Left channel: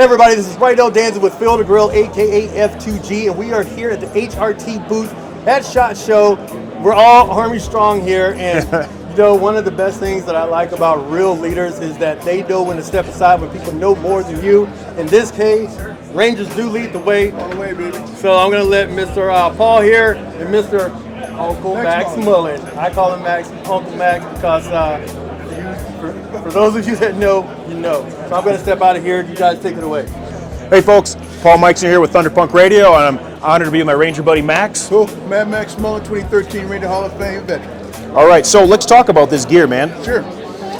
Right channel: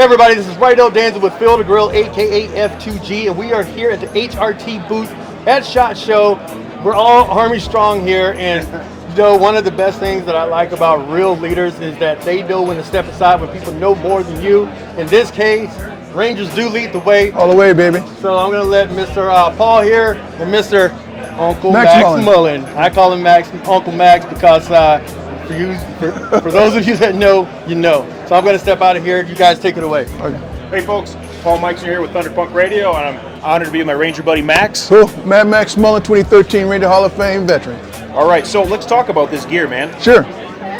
Hey everybody, this is Rydell Danza with Field & Grill, aka F2G, and we are here at the HRT booth at SHOT Show. We're all Army strong here, and one of the best things that I like about real leaders is that they know when to step aside when people know more than you. In this case, Rangers do lead the way. All the way, baby. So I'm going to let Mr. Paul here and Mr. Uncle Max Mullen. I call him Uncle Max because for those of you that know, you know. So I'm going to step out of here. You guys take it away. Hey folks, Paul Mikeson here with Thunderpunk Radio, and I'm honored to be with my Ranger buddy Max. Cool. Mad Max Mullen, 2013 Ranger Hall of Fame veteran. All right, so let's talk about this gear, man. Sure.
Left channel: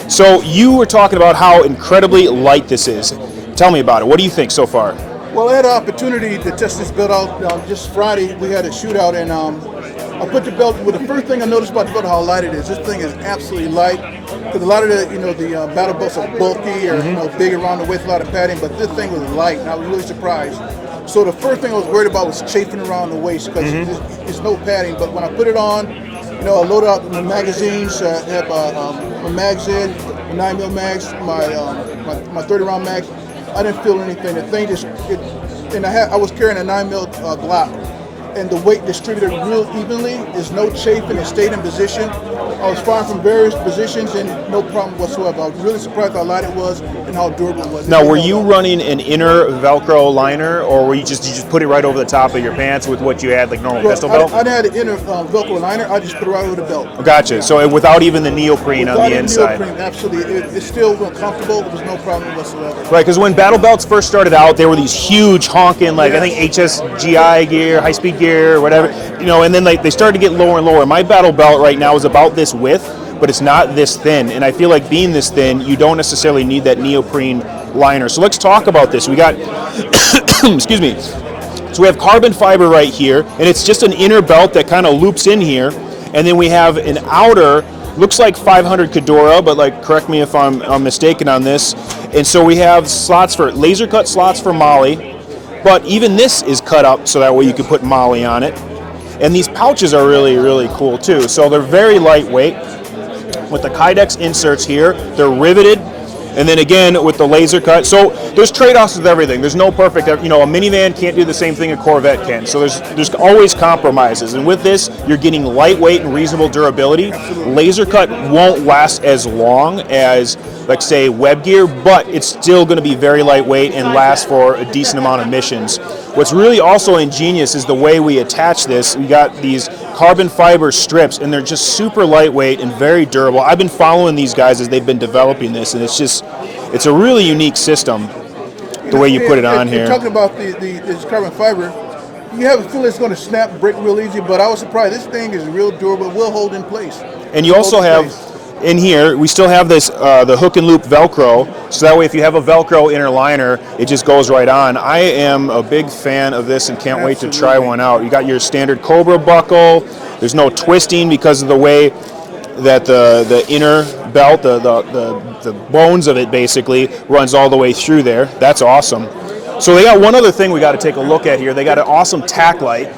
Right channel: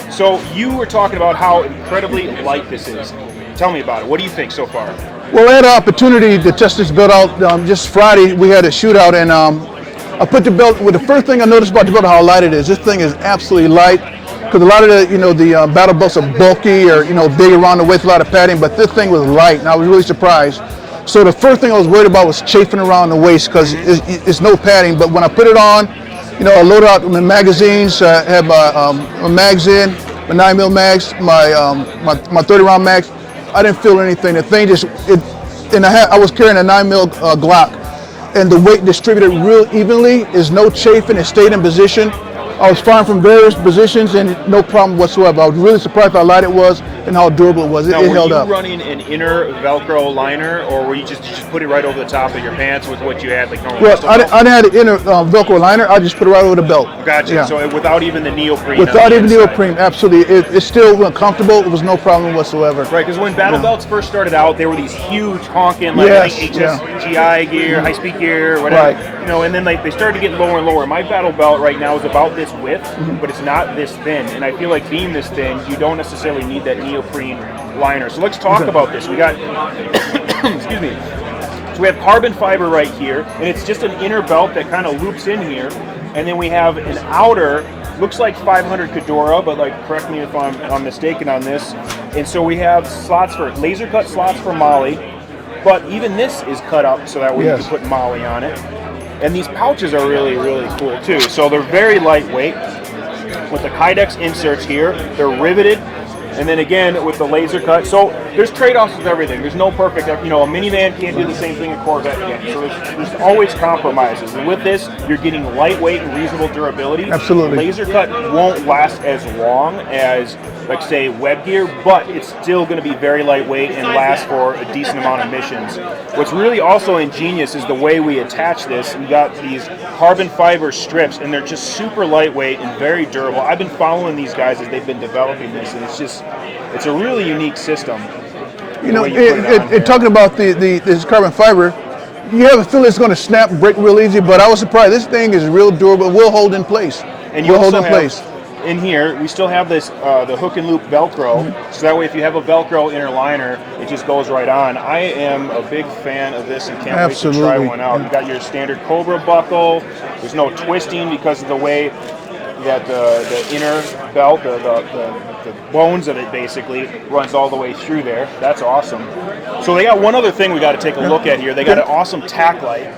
So you were talking about how incredibly light this is. Tell me about it. What do you think so far? Well, I had an opportunity to test this belt out just Friday. We had a shootout, and I put the belt. Well, the first thing I noticed about the belt, how light it is. This thing is absolutely light. Because a lot of the battle belts are bulky or big around the waist, a lot of padding, but this thing was light, and I was really surprised. So the first thing I was worried about was chafing around the waist because it's no padding. But when I put it on, I loaded out my magazines. I have my mags in, my 9mm mags, my 30-round mags. I didn't feel anything. The thing I was carrying a 9mm Glock, and the weight distributed real evenly. There's no chafing. It stayed in position. I was firing from various positions and no problem whatsoever. I was really surprised how light it was and how durable it was. Now, were you running an inner Velcro liner, or were you just put it right over the top of your pants with what you had, like normal pistol belt? I didn't have an inner Velcro liner. I just put it right over the belt. Gotcha. Yeah. So without even the neoprene. Without even neoprene, absolutely. It's still comfortable. It was no problem whatsoever. Right, because when battle belts first started out, they were these huge honking, I think HSGI gear, high-speed gear, or whatever. Right. And then they started to get lower and lower. My battle belt right now is about this width, but it's not this thin. And I feel like being this thin, you don't necessarily need that neoprene liner. So let's talk about this. We got, excuse me. So we have carbon fiber right here, and it's just an inner belt that kind of loops in here. And then we have an outer, looks like 500 Cadora, but correct me if I'm mistaken on this. And so we have slots for, laser cut slots for Molly, but even this is cut up so that way you can put Molly on it. And these pouches are really, really cool too. So they're very lightweight with the Kydex inserts here. They're riveted. And then again with the laser cut. So there's trade-offs with everything. There's no perfect, a minivan can't do the same thing a Corvette can. So there's always compromises. And with this, you're getting lightweight and reasonable durability. Absolutely. Laser cut won't last as long as, say, web gear, but it's still going to be very lightweight and last for a decent amount of missions. What's really also ingenious is the way we attach this. We got these carbon fiber strips, and they're just super lightweight and very durable. I've been following these guys as they've been developing this, and it's a really unique system, the way you put it on here. Talking about this carbon fiber, you have a feeling it's going to snap, break real easy, but I was surprised. This thing is real durable, will hold in place. And you also have, in here, we still have this, the hook and loop Velcro, so that way if you have a Velcro inner liner, it just goes right on. I am a big fan of this and can't wait to try one out. You got your standard Cobra buckle. There's no twisting because of the way that the inner belt, the bones of it basically, runs all the way through there. That's awesome. So they got one other thing we got to take a look at here. They got an awesome tack light.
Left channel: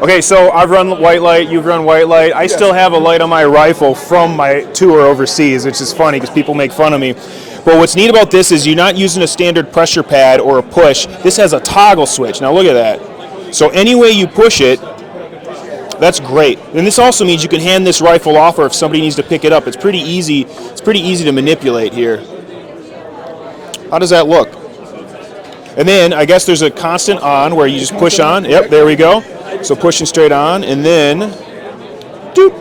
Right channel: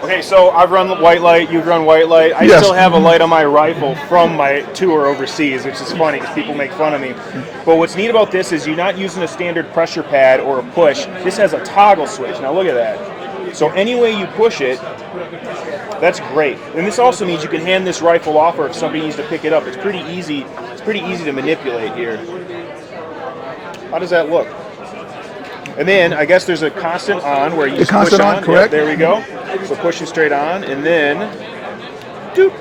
Okay, so I've run white light, you've run white light. I still have a light on my rifle from my tour overseas, which is funny because people make fun of me. But what's neat about this is you're not using a standard pressure pad or a push. This has a toggle switch. Now look at that. So any way you push it, that's great. And this also means you can hand this rifle off, or if somebody needs to pick it up, it's pretty easy. It's pretty easy to manipulate here. How does that look? And then I guess there's a constant on where you just push on. Yep, there we go. So pushing straight on, and then, doop.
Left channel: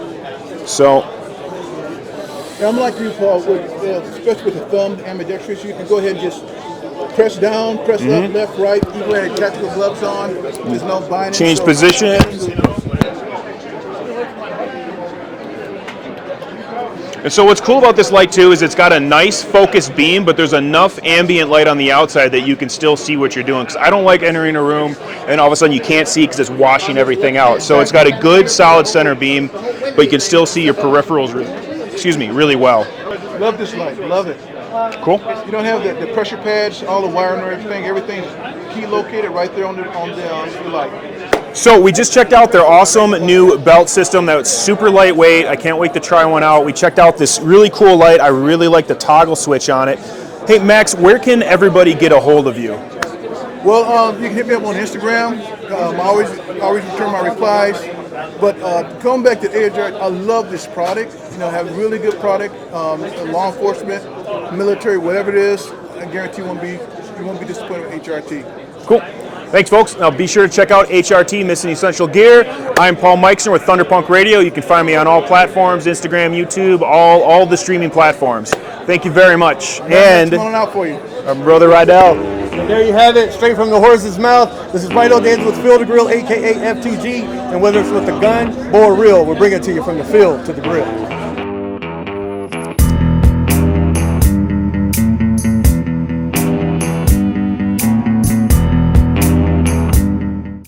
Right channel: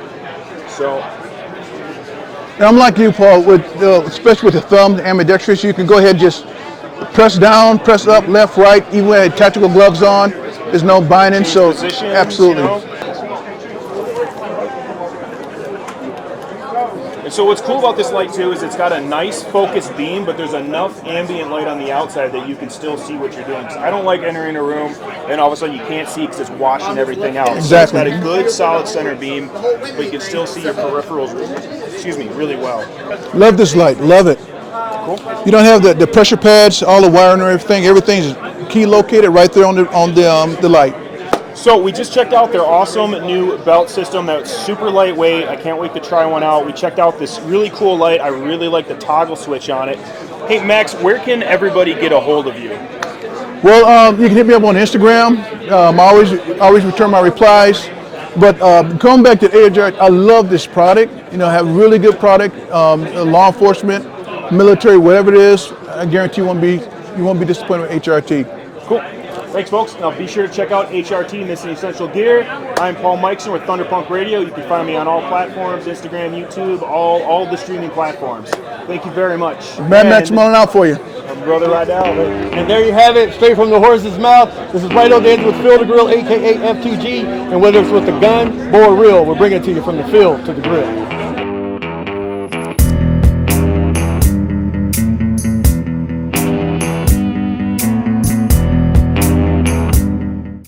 So. I'm like you, Paul, especially with the thumb, the ambidextrous, you can go ahead and just press down, press up, left, right, even when I had tactical gloves on. There's no binding. Change position. Absolutely. And so what's cool about this light too is it's got a nice focused beam, but there's enough ambient light on the outside that you can still see what you're doing. Because I don't like entering a room and all of a sudden you can't see because it's washing everything out. So it's got a good solid center beam, but you can still see your peripherals, really well. Love this light, love it. Cool. You don't have the pressure pads, all the wiring and everything. Everything's key located right there on the light. So we just checked out their awesome new belt system that's super lightweight. I can't wait to try one out. We checked out this really cool light. I really like the toggle switch on it. Hey Max, where can everybody get a hold of you? Well, you can hit me up on Instagram. I always return my replies. But going back to HRT, I love this product. You know, have really good product. Law enforcement, military, whatever it is, I guarantee you won't be disappointed with HRT. Cool. Thanks, folks. Now be sure to check out HRT Missing Essential Gear. I'm Paul Meixner with Thunderpunk Radio. You can find me on all platforms, Instagram, YouTube, all the streaming platforms. Thank you very much. That's Mullen out for you. My brother Rydell. And there you have it, straight from the horse's mouth. This is Rydell Danger with Field to Grill, aka F2G. And whether it's with the gun, bow, or reel, we're bringing it to you from the field to the grill.